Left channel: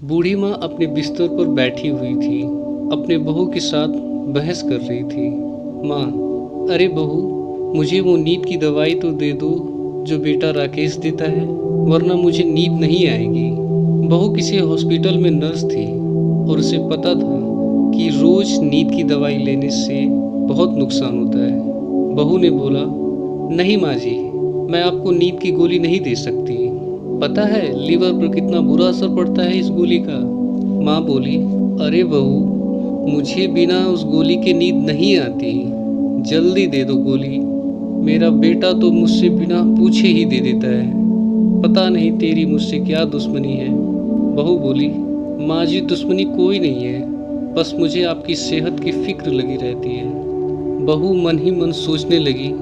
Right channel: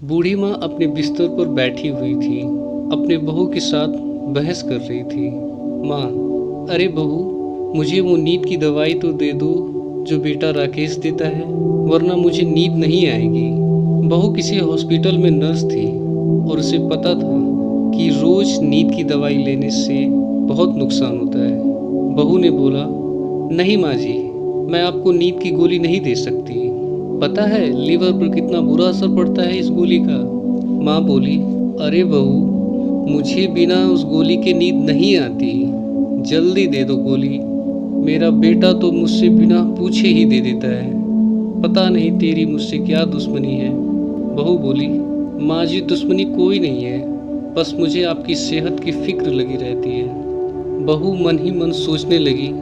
बूढ़ी माँ अपने बिस्तर पर बैठी हुई थी, अपने बहू के साथ बहस कर रही थी। माँ, अरे बहू, मुझे वो नींद की दवाई तो दे दो जो बेटा राकेश देता है, वरना मुझे नींद नहीं आएगी। बहू किसी हॉस्पिटल में नर्स थी और उसे पता था कि रोज नींद की दवाई लेने से बहुत नुकसान होता है। बहू ने बोला, नहीं माँ जी, मैं आपको नींद की गोली नहीं दे सकती। पता है लीवर पर कितना बुरा असर पड़ता है इस गोली का। माँ बोली, अरे बहू, मुझे बिना उस गोली के नींद नहीं आती, जल्दी दे दो गोली। मेरा बेटा तो मुझसे बिना पूछे ही दे देता है, पता नहीं तेरी मुझसे क्या दुश्मनी है। बहू बोली, माँ जी, दुश्मनी कोई नहीं है, बस मुझे आपकी सेहत की फिक्र लगी रहती है। बहू मन ही मन सोचने लगी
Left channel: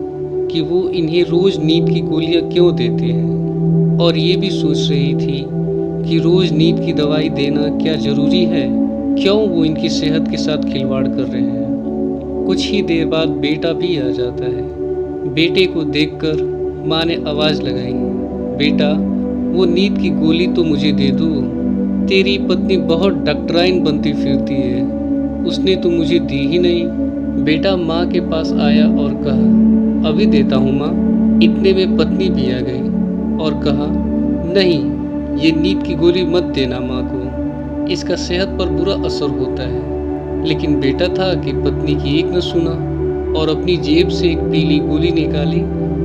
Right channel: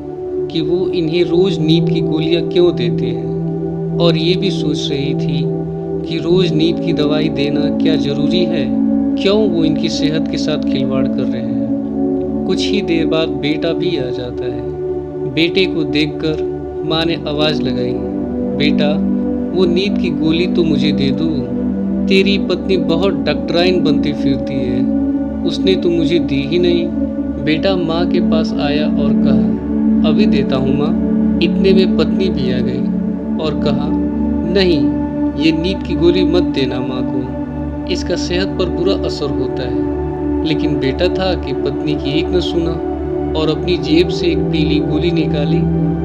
कि वो इन्हें रोज नींद की गोलियां क्यों देते हैं, और ये भी सोच रही थी कि रोज नींद की दवाई देना क्या जरूरी है, क्यों वो इनकी सेहत के साथ खिलवाड़ कर रहे हैं। कुछ ही देर बाद बेटा भी आ जाता है। बेटे को देखकर माँ ने आवाज लगाई, बेटा, वो नींद की गोली तो मुझे दे दो। तेरी पत्नी बहुत डॉक्टराइन बनती फिरती है, उसने तो मुझे दी ही नहीं। बेटा माँ के पास आया और कहा, अभी देता हूँ माँ। इतने में पत्नी भी आ गई और कहा, नहीं, ये नींद की गोली मत देना माँ को, इसका सेहत पर बुरा असर होता है। लेकिन बेटा था कि पत्नी की एक न सुना और अपनी जेब से एक पीली गोली निकाली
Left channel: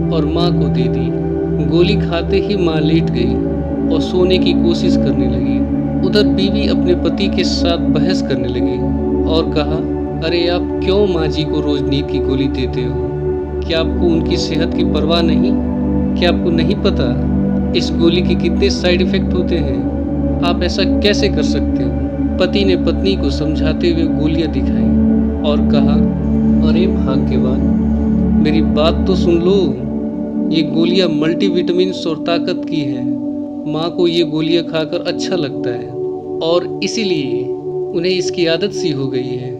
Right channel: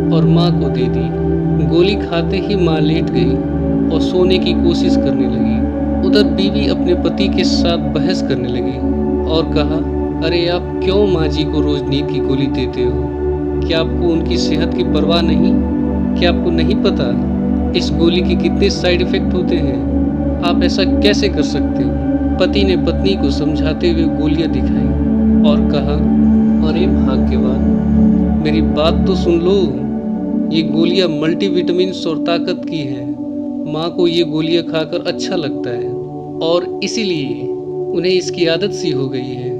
और माँ को दे दी। गोली खाते ही माँ लेट गई और सोने की कोशिश करने लगी। उधर बीवी अपने पति के साथ बहस करने लगी और कहा, अरे आप क्यों माँ जी को रोज नींद की गोली देते हो? क्या आपको उनकी सेहत की परवाह नहीं? क्या आपको नहीं पता इस गोली के कितने साइड इफेक्ट होते हैं? आप ऐसा कैसे कर सकते हो? पति ने पत्नी को समझाते हुए गोलियां दिखाई और कहा, अरे भाग्यवान, मेरी बात तो सुन लो, ये गोलियां मल्टीविटामिन्स और ताकत की हैं। माँ को ये गोलियां खाकर अच्छा लगता है और इसीलिए उन्हें इसकी आदत सी हो गई है।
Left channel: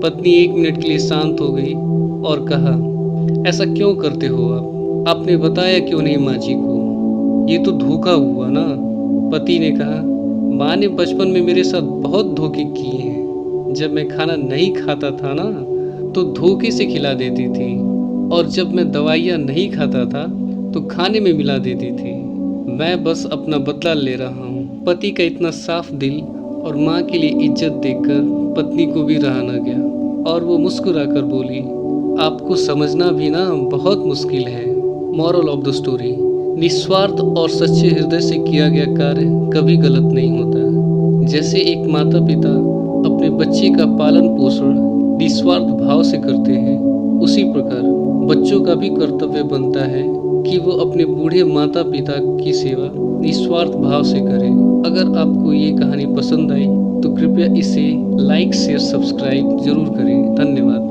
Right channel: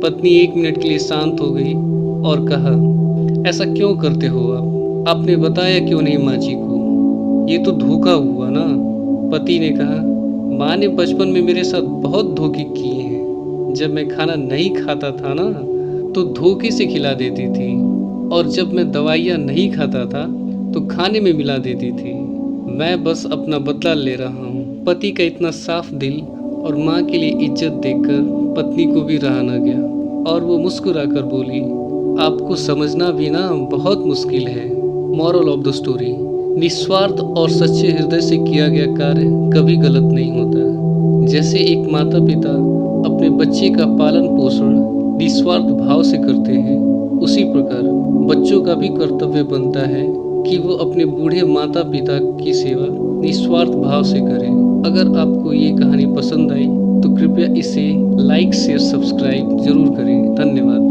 पत्नी 1 मिनट के लिए शांत हो गई और कहा, ऐसा क्यों करते हो आप? आपने बताया क्यों नहीं माँ जी को? ये तो धोखा हुआ ना। पति ने कहा, माँ ने बचपन में मेरे साथ बहुत धोखे किए हैं। जब मैं खाना नहीं खाता था ना, तो धोखे से खिला देती थी, और जब मैं दवाइयाँ नहीं खाता था तो खाने में मिला देती थी। मैं बस अपना बदला ले रहा हूँ। पति का इतना साफ दिल और माँ के लिए इज्जत देखकर पत्नी को भी रहा न गया और वो मुस्कुराकर बोली, आपको समझना भी ना बहुत मुश्किल है। मॉरल ऑफ द स्टोरी, निस्वार्थ और सच्चे हृदय से किया गया कार्य कभी गलत नहीं होता। जैसे एक माता पिता अपने बच्चे का पालन पोषण निस्वार्थ भाव से करते हैं, उसी प्रकार बच्चों का भी कर्तव्य बनता है कि वो अपने बूढ़े माता पिता की सेवा निस्वार्थ भाव से करें। अगर आपको ये कहानी पसंद आई तो कृपया इसे लाइक शेयर सब्सक्राइब जरूर करें। धन्यवाद।